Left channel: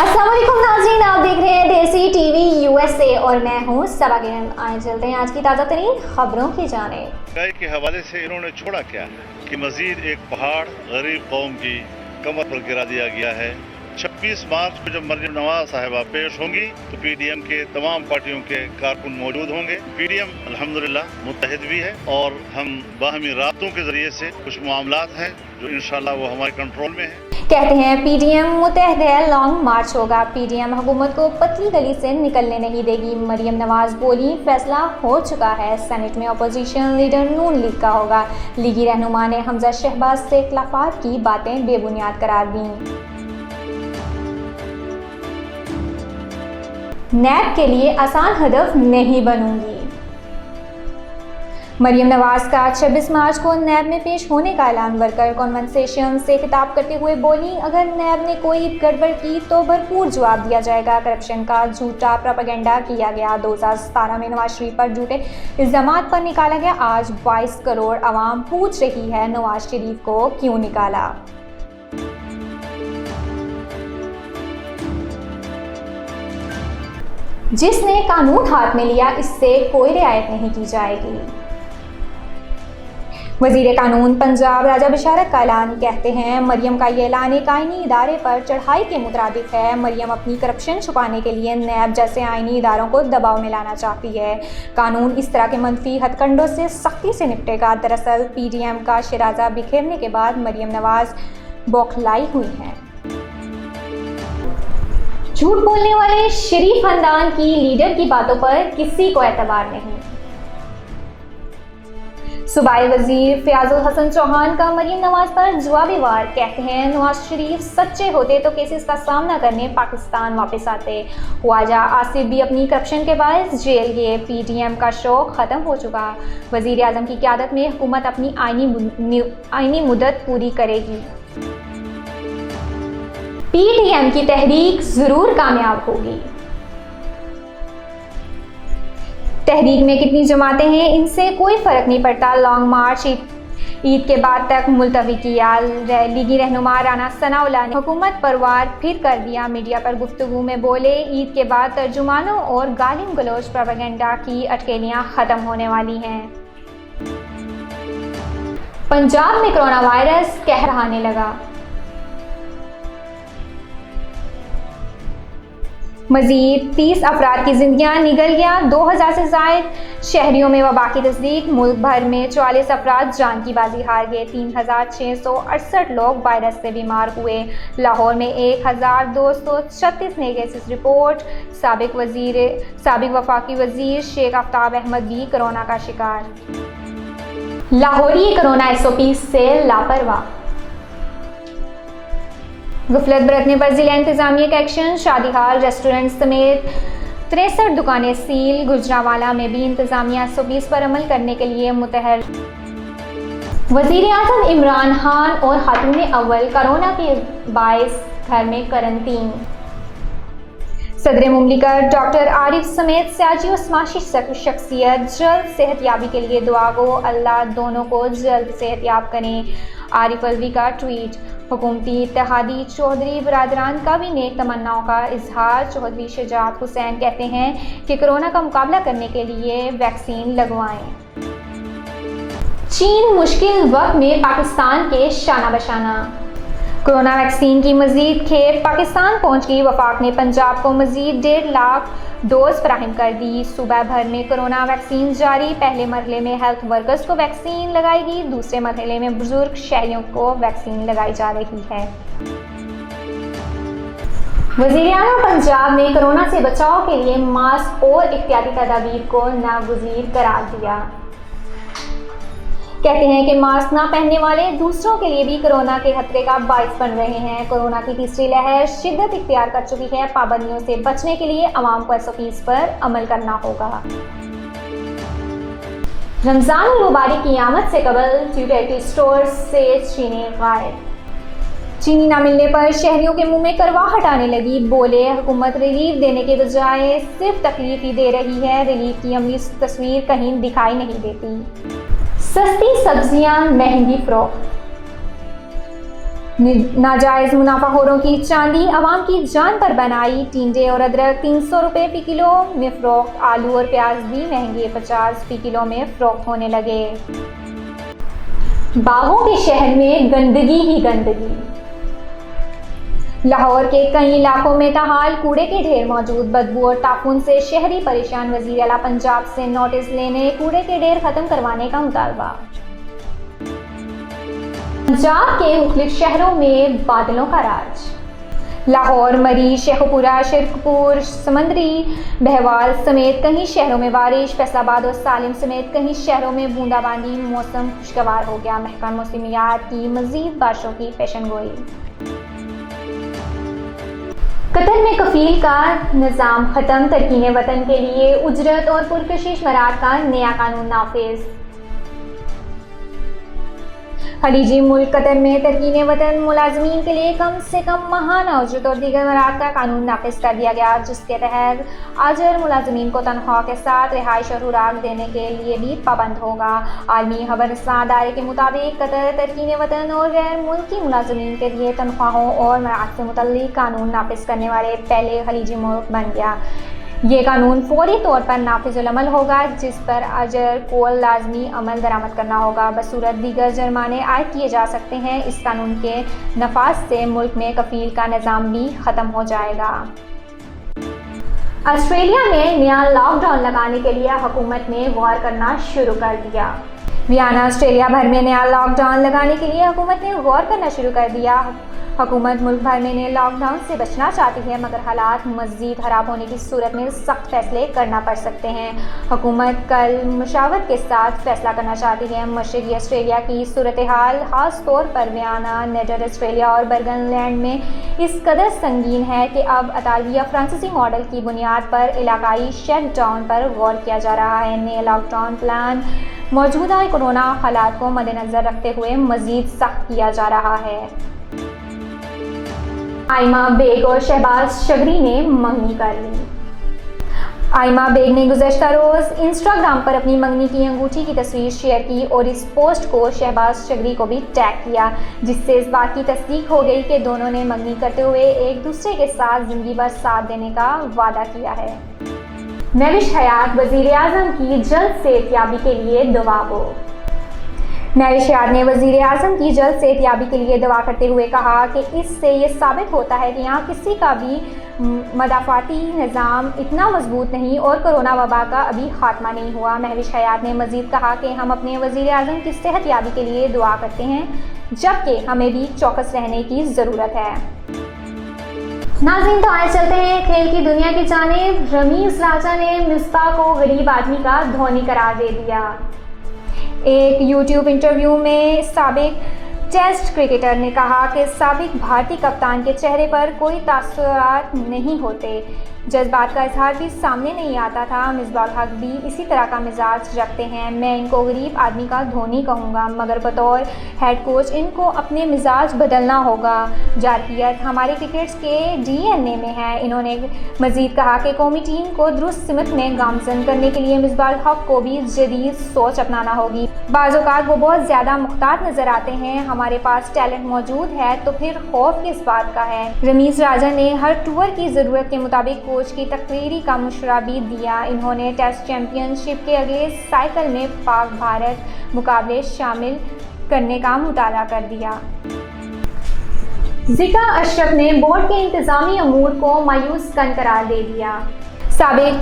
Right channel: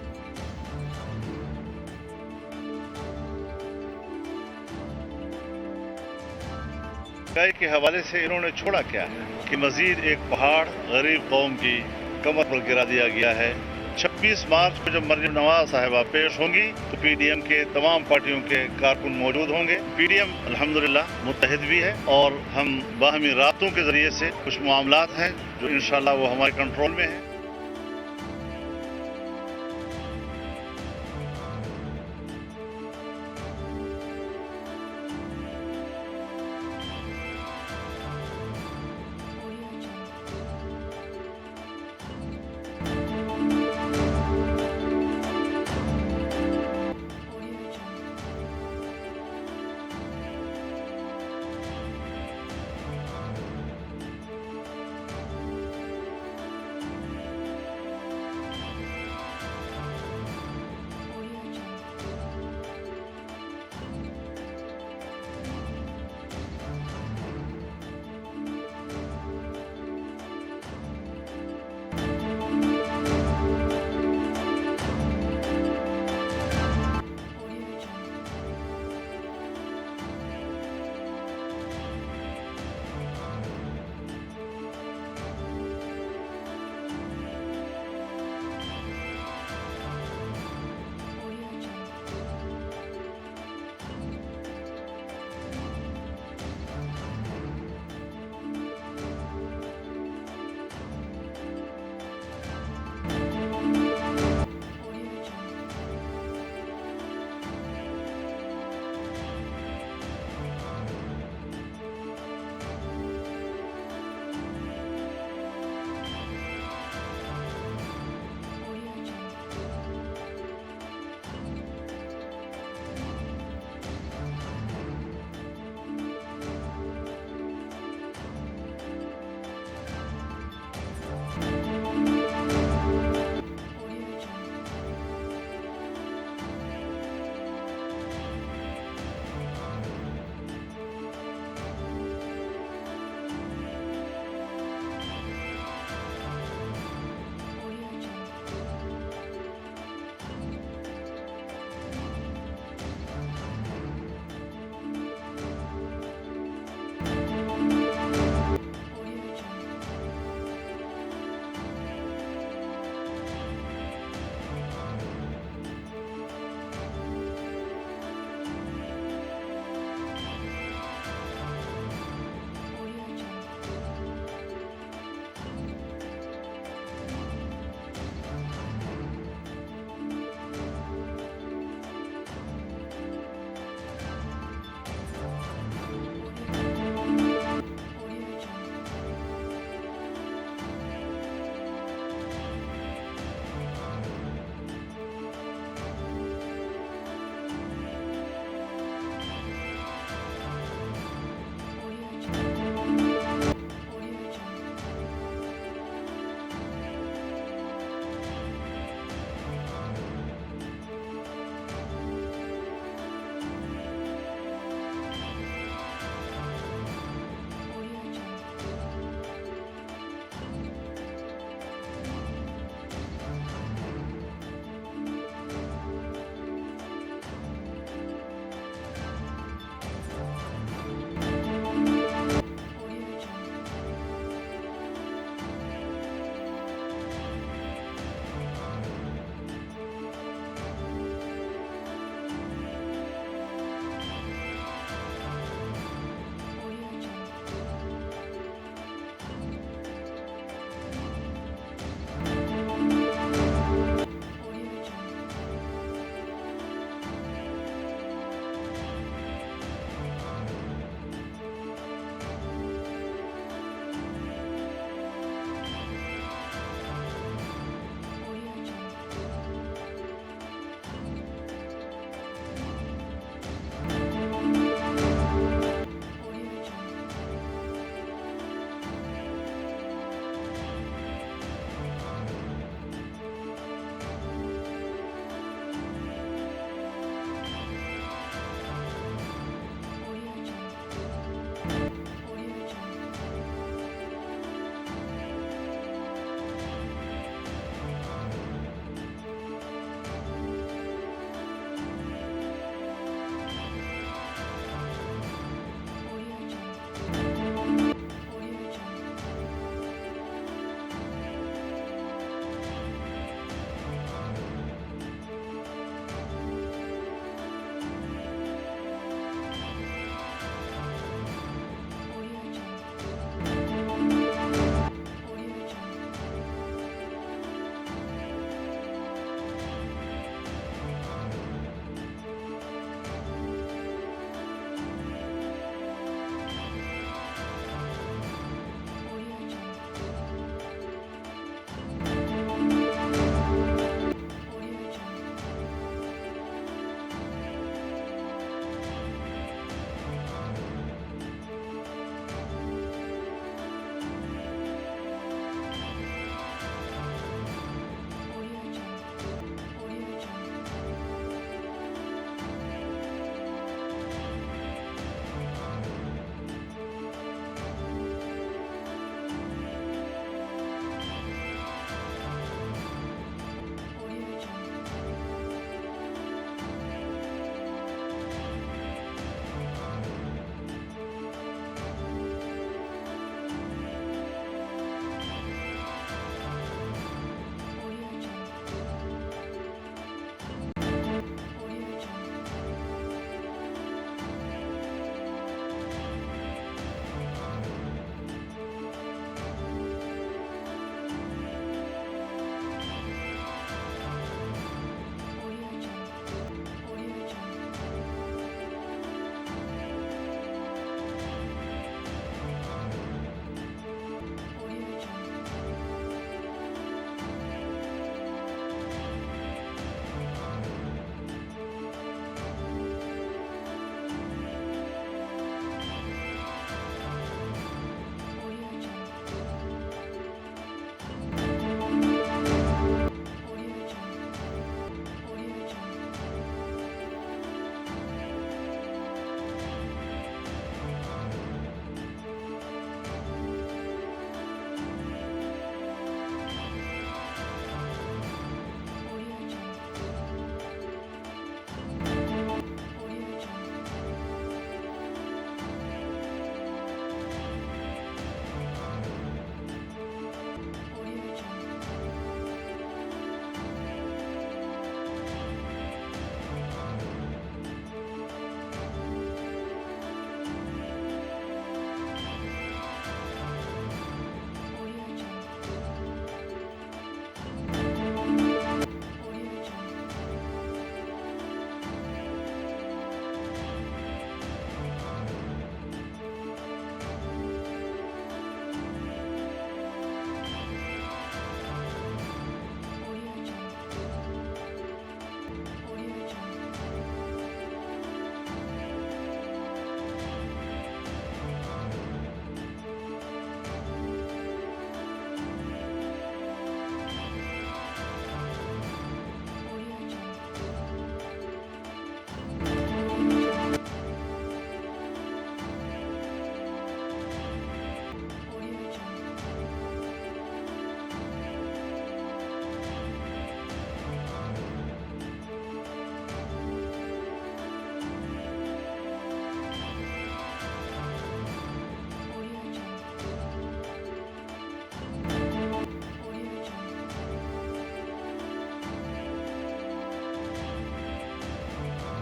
अस्सलाम वालेकुम नाज़रीन, आप देख रहे हैं देसी टीवी यूएसए और मैं हूं सबा किरण। आए चलते हैं आज की ताज़ा तरीन खबरों की जानिब। महंगाई के हवाले से इन्होंने छोड़ा क्या है कि मजीद एक पहाड़ गरीब कौम की कमर पर गिरा दिया गया है। 26 मार्च को जब मरियम नवाज साहिबा पेश होंगी तो पीडीएम के तमाम पार्टियों के कारकुन मौजूद होंगे। पीडीएम अल्हम्दुलिल्लाह मुत्तहिद भी है और हम बाहमी राब्तों के जरिए से कुछ मामलात हैं जो इंशाल्लाह वो हमारे कंट्रोल में है। कहते हैं पीडीएम मुत्तहिद है, लॉन्ग मार्च होगा। पीडीएम हुकूमत को पतली गली से निकलने नहीं देगी। मरियम नवाज बोली, फैसला हो चुका है, सेनेट में अपोजिशन लीडर नून लीग का होगा। लीगी रहनुमा ने हमजा शहबाज से इख्लाफात की बातें बेबुनियाद करार दी। नैब के लिए आसान हदफ नहीं बनूंगी। मरियम नवाज का 26 मार्च को नैब में पेश होने का ऐलान। वर्कर कॉन्वेंसेशन से खिताब करते हुए बोली, अगर नैब ने कोई गड़बड़ की तो भरपूर जवाब दिया जाएगा। करप्शन का झूठा प्रोपेगेंडा किया गया। 2017 में नवाज शरीफ पर झूठे इल्जामात पर निकाला गया। आज 22 करोड़ आवाम पूछ रही है नवाज शरीफ को क्यों निकाला। जिसने कानून हाथ में लिया इससे कोई रियायत नहीं की जाएगी। वजीर कानून पंजाब राजा बशारत का ऐलान। कहते हैं मरियम का ये ऐलान एक आईनी इदारे पर चढ़ाई के मुताबिक है। मरियम अपनी करप्शन छुपाने के लिए नैब जैसे आईनी इदारों को दबाव में लाना चाहती है। कानून इस तरह के मनफी हथकंडों से सख्ती से निपटेगा। दरअसल पीडीएम का शिराजा बिखेरने के बाद मरियम नवाज बौखलाई हुई हैं। झूठ बोलने वाले शरीफ खानदान की लीडर की बातों पर किसी को एतबार नहीं। सूबाई वजीर फयाजुल हसन चौहान का मरियम नवाज पर जवाबी वार। कहते हैं नवाज शरीफ सच्चे होते तो केसेस का सामना करने पाकिस्तान वापस आते। ख्वाजा आसिफ भी अपनी करप्शन के बायस जेल गए। पीडीएम का शौक ख़त्म हो चुका। वजीर आजम की क़यादत में हुकूमत अपनी आईनी मुद्दत पूरी करेगी। पीडीएम की तहरीक ज़रूर कामयाब होगी। तहरीक में कितनी जमातें हैं इनसे कोई फ़र्क नहीं पड़ता। लॉन्ग मार्च ईद के बाद तक मुलतवी किया। लीगी रहनुमा राना सनाउल्लाह ने हुकूमत पर वार फिर कर दिया। मीडिया पर गुफ्तगू में बोले, ईद के बाद तर्जुमानों और गालिम गलोच प्रोपेगेंडा की अटकलियां ख़त्म होने वाली हैं। पंजाब में कोरोना वायरस कहर ढहाने लगा। मजीद 30 अफराद की जिंदगियां निगल गया। 2000 से ज़ायद शहरियों में वबा की तस्दीक। मुल्क भर में 44 अफराद जान की बाजी हार गए। 3668 लोग वायरस से बीमार हुए। लाहौर में 1236 नए केसेस रिपोर्ट। साबिक वफाकी वजीर शेख आफ्ताब अहमद भी कोरोना का शिकार। लाहौरी कोरोना SOP से लापरवाह। गफलत बरतने पर जिला इंतजामिया का एक्शन। शादी हाल रेस्टोरेंट समेत 63 दुकानें सील। गुजरांवाला में भी इंतजामिया SOPs पर अमल करने के लिए मुतहर। वजीर आजम इमरान खान और खातून अव्वल कोरोना के बायस घर में करंटीन। सदर मुमलिकत डॉक्टर आरिफ समेत सियासी और समाजी शख्सियत जल्द सेहतयाबी के लिए दुआ गो। अल्लाह दोनों को जल्द सेहतयाब करें। आरिफ अलवी का ट्वीट। हुकूमती इत्तेहादी चौधरी बरादरान का भी नेक तमन्नाओं का इजहार। चौधरी शुजात हुसैन कहते हैं कि कोरोना का मुकाबला करने के लिए वैक्सीन लगवाएं। चीन मुश्किल वक्त में पाकिस्तान के शाना बशाना। कोरोना वैक्सीन की मजीद खेप पाकिस्तान पहुंच गई। वफाक ने पंजाब को मजीद 1.5 लाख डोज फराहम कर दी। सूबा भर में कोरोना वैक्सीन जारी। पहले मरहले में हेल्थ वर्कर्स को वैक्सीन लगाएगी। दूसरे मरहले में बुजुर्ग शहरियों को वैक्सीन लगाई जा रही है। वज़ीर आज़म पंजाब ने कोरोना से बचाव के लिए मास्क और एहतियाती तदाबीर को नागुज़ीर करार दिया। कहते हैं कि मास्क ना पहनने वाले दूसरों के लिए भी कोरोना के खतरे का बाइस बन रहे हैं। कोरोना की तीसरी लहर शिद्दत इख्तियार कर चुकी है। पाबंदियों से बचने के लिए अवाम को SOPs पर अमल करना होगा। रमजान मुबारक की आमद से कबल ड्यूटी स्टोर से चीनी गायब। चीनी ना मिलने पर शहरियों के मुंह में करवाहट आने लगी। बोले, हुकूमत रिलीफ देने के बजाय सिर्फ तकलीफ ही दे रही है। रिलीफ की अमली तस्वीर कहीं दिखाई नहीं देती। सस्ती सब्जियां महंगी फरोख्त। नाजायज़ मुनाफाखोरों की चांदी आवाम की जान पर बनाई। टिंडे और अदरक 300 रुपये फ़ी किलो में फ़रोख्त। आलू और प्याज भी महंगे 50 फ़ी किलो में फ़रोख्त होने लगे। बागों के शहर में गंदगी ही गंदगी। लाहौर के कई इलाकों में ताहाल कूड़े के ढेर मौजूद। बदबू और ताफून से शहरी परेशान। वज़ीर आला पंजाब से नोटिस लेने कूड़े के ढेर खत्म करवाने का मुतालबा। पंजाब के मुख्तलिफ शहरों में बादलों का राज। लाहौर, मरी, शेखुपुरा, शिरकपुर, समंदरी, बहवाल समेत कई शहरों में बारिश। फैसलाबाद और सालिम समेत कई शहरों में बूंदाबांदी। मौसम खुशगवार हो गया। महकमा मौसमियात की मजीद बारिशों की पेशनगोई। कतर में कफील का निज़ाम खत्म। तरकीन वतन के लिए उजरत और पुरकशिश मराद का नया कानून नाफिज। खलीजी मुल्क कतर में तरकीन वतन मुलाजमीन के लिए कम से कम माहाना उजरत और दीगर मराद का कानून नाफिज कर दिया गया, जिसके तहत आजर मुलाजमीन को तनख्वाह के साथ रिहाइश और खुराक देने के लिए भी पाबंद होगा। आलमी खबरसां अदारे के मुताबिक कतर तरकीन वतन और गैर मुल्की मुलाजमीन के लिए तनख्वाहों और मराद से मुतल्लिक कानून नाफिज करने वाले पहले खलीजी मुल्क बन गया। ये कानून फौरी तौर पर नाफिजुल अमल होगा, जिस पर अजर को लाजमी अमल दरामद करना होगा। बसूरत दीगर जुर्माने आयद किए जा सकते हैं। इस कानून के नफाज से मुल्क में कफील का निज़ाम भी ख़त्म हो जाएगा। ऑस्ट्रेलिया में नया लॉकडाउन लगाने के लिए हुकूमत ने गौर करना शुरू कर दिया। वियना, ऑस्ट्रेलिया भर में नया लॉकडाउन लगाने के लिए हुकूमत ने गौर करना शुरू कर दिया। हुकूमत मुल्क भर में नए लॉकडाउन से बचना चाहती है, मगर हालात मज़ीद ख़राब होने की सूरत में सख्त फैसले करना पड़ सकते हैं। हुकूमत कल मुशावरत के साथ फैसला करना चाहती है। मशरक़ी ऑस्ट्रेलिया की सूरत हाल ख़ास तौर पर वियना, नेदर ऑस्ट्रेलिया और बर्गनलैंड में इस कदर संगीन है कि अब अतालविया फ्रांसीसी मॉडल की बुनियाद पर इलाकाई शटडाउन पर गौर किया जा रहा है। नए लॉकडाउन प्लान मौजूदा कोरोना हालात को मद्देनज़र रखते हुए मज़ीद सख्त किया जा रहा है। आइमा बेग और शहबाज शगरी ने मंगनी कर ली। आइमा बेग ने गुज़श्ता रोज़ इंस्टाग्राम पर अपनी मंगनी की अंगूठी की तस्वीर शेयर की और इस पोस्ट को शहबाज शगरी को भी टैग किया, जिससे इस बात की तस्दीक हो गई कि दोनों ने मंगनी करते हुए एक दूसरे के साथ ज़िंदगी भर साथ देने का वादा किया है। महविश हयात वज़ीर आज़म की जल्द सेहतयाबी के लिए दुआ हो। महविश हयात ने वज़ीर आज़म की जल्द सेहतयाबी के लिए दुआ करते हुए कहा कि इससे ये साबित होता है कि यहाँ किसी का भी मदाफ़ाती निज़ाम इतना मजबूत नहीं और कोरोना वबा का अभी खात्मा नहीं हुआ। महविश हयात ने मज़ीद कहा कि हम अपने वज़ीर आज़म की सेहतयाबी के लिए दुआ करते हैं, जबकि हमें भी चौकस रहने की ज़रूरत है। नाज़रीन, तो आए चलते हैं खेल की दुनिया की जानिब। रमीज़ राजा ने मिसबाह को गरीब आदमी का धोनी करार दे दिया। एक यूट्यूब इंटरव्यू में साबिक टेस्ट क्रिकेटर ने कहा कि साबिक भारतीय कप्तान के चेहरे पर कोई तासुरात नहीं होते, जज्बात का इजहार भी सामने नहीं आता था। मिसबाह हक भी इसी तरह का मिजाज रखते हैं। मैं इनको गरीब आदमी का धोनी कहूँगा, मगर बतौर हेड कोच इनको अपने मिजाज बदलना होगा। जारकियत हमारे क्रिकेट के DNA में है। इन्होंने मज़ीद कहा कि कौमी टीम को दुरुस्त सिमत में गामजन करने के लिए मिसबाह हक को भी जदीद सोच अपनाना होगी। बाज़ औक़ात वो बहुत ज़्यादा मुख्तार नज़र आते हैं। हमारे पास टैलेंट मौजूद है, तो फिर खौफ किस बात का है। रमीज़ राजा ने हर टूर की ज़रूरत के मुताबिक कोच की तकरीरी का मशवरा भी दिया। इन्होंने टेस्ट चैंपियनशिप के अगले साइकिल में पाक भारत मुकाबले शामिल करने का मुताला कर दिया। ज़िका अशरफ ने बोर्ड के इंतज़ामी अमूर को मायूस कन करार दे दिया। साबिक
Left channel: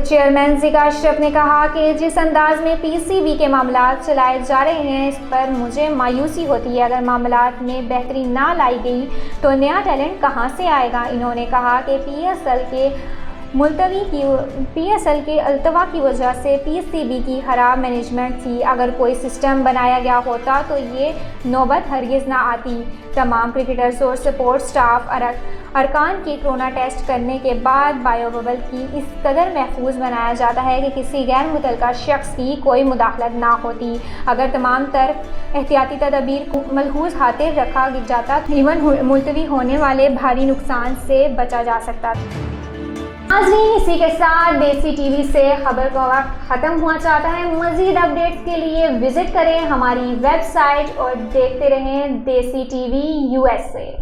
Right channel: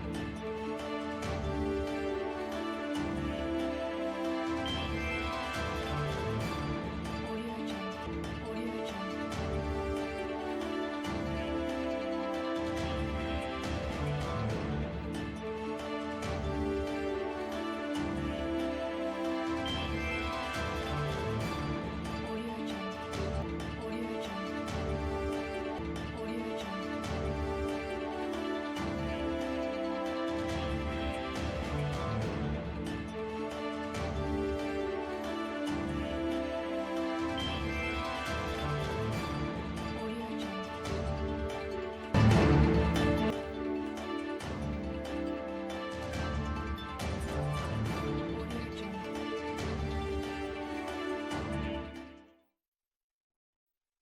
चेयरमैन ज़िका अशरफ ने कहा कि जिस अंदाज में PCB के मामलात चलाए जा रहे हैं, इस पर मुझे मायूसी होती है। अगर मामलात में बेहतरी ना लाई गई तो नया टैलेंट कहां से आएगा। इन्होंने कहा कि PSL के अल्तवा की वजह से PCB की ख़राब मैनेजमेंट थी। अगर कोई सिस्टम बनाया गया होता तो ये नौबत हरगिज़ ना आती। तमाम क्रिकेटर्स और सपोर्ट स्टाफ अरकान की कोरोना टेस्ट करने के बाद बायो बबल की इस कदर महफूज बनाया जाता है कि किसी गैर मुतल्लिका शख्स की कोई मुदाखलत ना होती। अगर तमाम तर एहतियाती तदबीर को मलहूज़ खातिर रखा जाता, इवन मुलतवी होने वाले भारी नुकसान से बचा जा सकता था। ناظرین، اسی کے ساتھ دیسی ٹی وی سے خبر کا وقت ختم ہوا چاہتا ہے۔ مزید اپڈیٹ کے لیے وزٹ کریں ہماری ویب سائٹ اور دیکھتے رہیں دیسی ٹی وی USA۔